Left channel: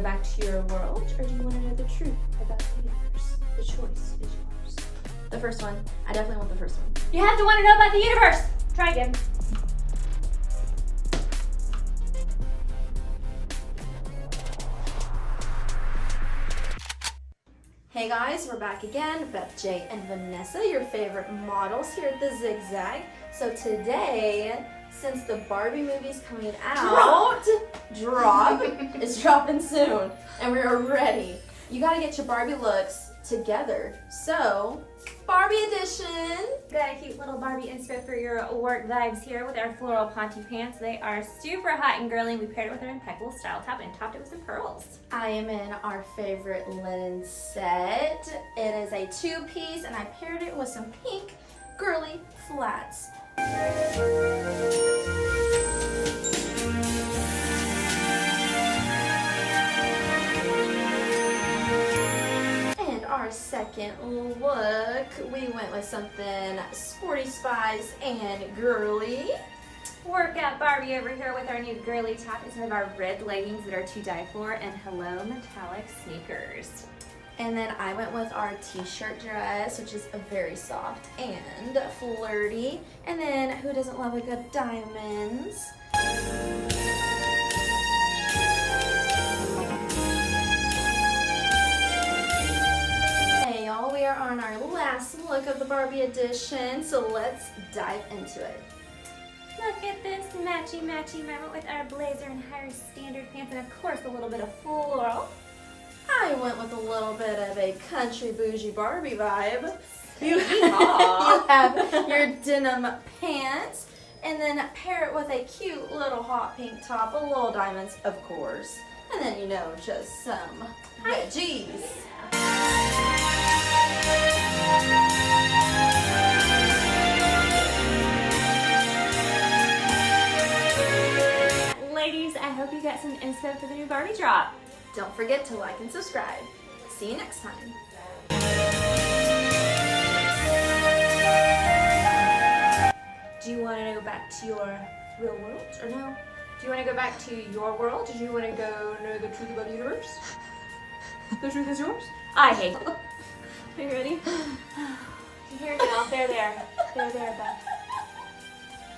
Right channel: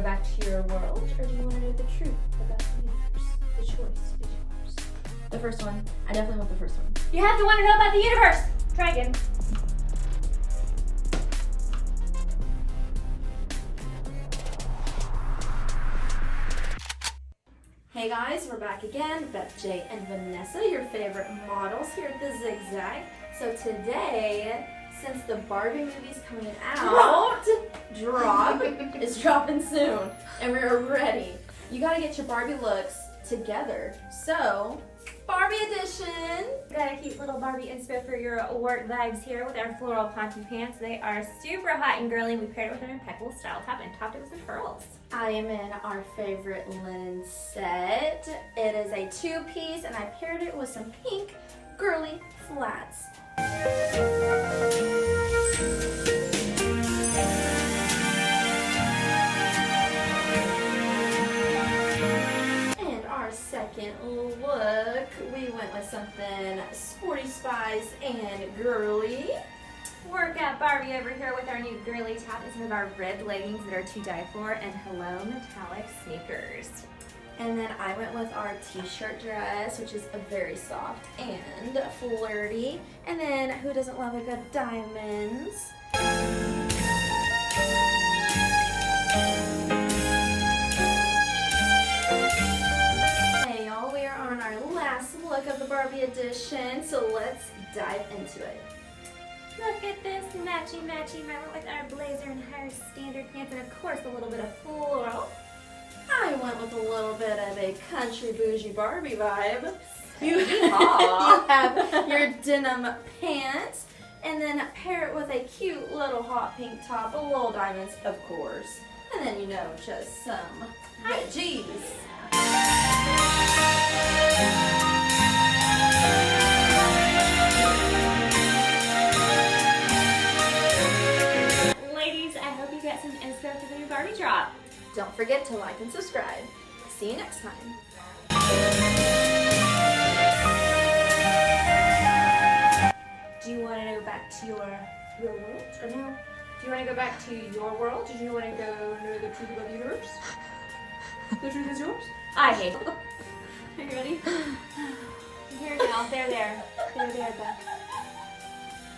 go back to your world, or do you want to know the truth about the universe? The choice is yours. The first one. I definitely want the first one. You have to want to know about the universe. Try again. Hey guys, we're back again. Beth J and Vanessa, your favorite models here at the Zigzag. So today, since the Barbie movie's coming out, it's dropping soon, and we're ready. You gotta get your Barbie looks together. So, Barbie edition. Got a cute little Barbie inspo for your work vibes here with our floral ponte pants. They are super hot and girly. We paired it with an impeccable style top and topped it with some pearls. I am in our favorite linen set. It is a two-piece, and I paired it with some pink girly flats. And our second look, we went with something sporty spice and girly. Workout Barbie over here with our new girly top and some of our red leggings that are to die for, and hello metallic sneakers. And then I went with our t-shirt dress, which is very soft and flirty. And then who doesn't love a good diamonds? Hey y'all, we are on our last look of the Barbie edition, so let's dive into it. Look at this matchy matchy. I went with our blazer and higher standard pants, and of course a little bit of floral. I went with a little bit of a country bougie Barbie vibe. You You have your denim pants, and then pair it with a cute little hot pink top, with little diamonds, of course. And then, you know, just some veggies. Ladies, I hope you got some inspo for the new Barbie drop. Don't forget to like and subscribe. See you next time. Do you want to go back to your real world, or no? Do you want to go back to your world, or do you want to go know the truth about the universe? The truth is yours? I hate it. Are you ready? Here now. There, Beth.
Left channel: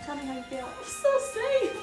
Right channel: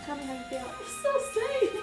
Tell me how you feel. I'm so safe.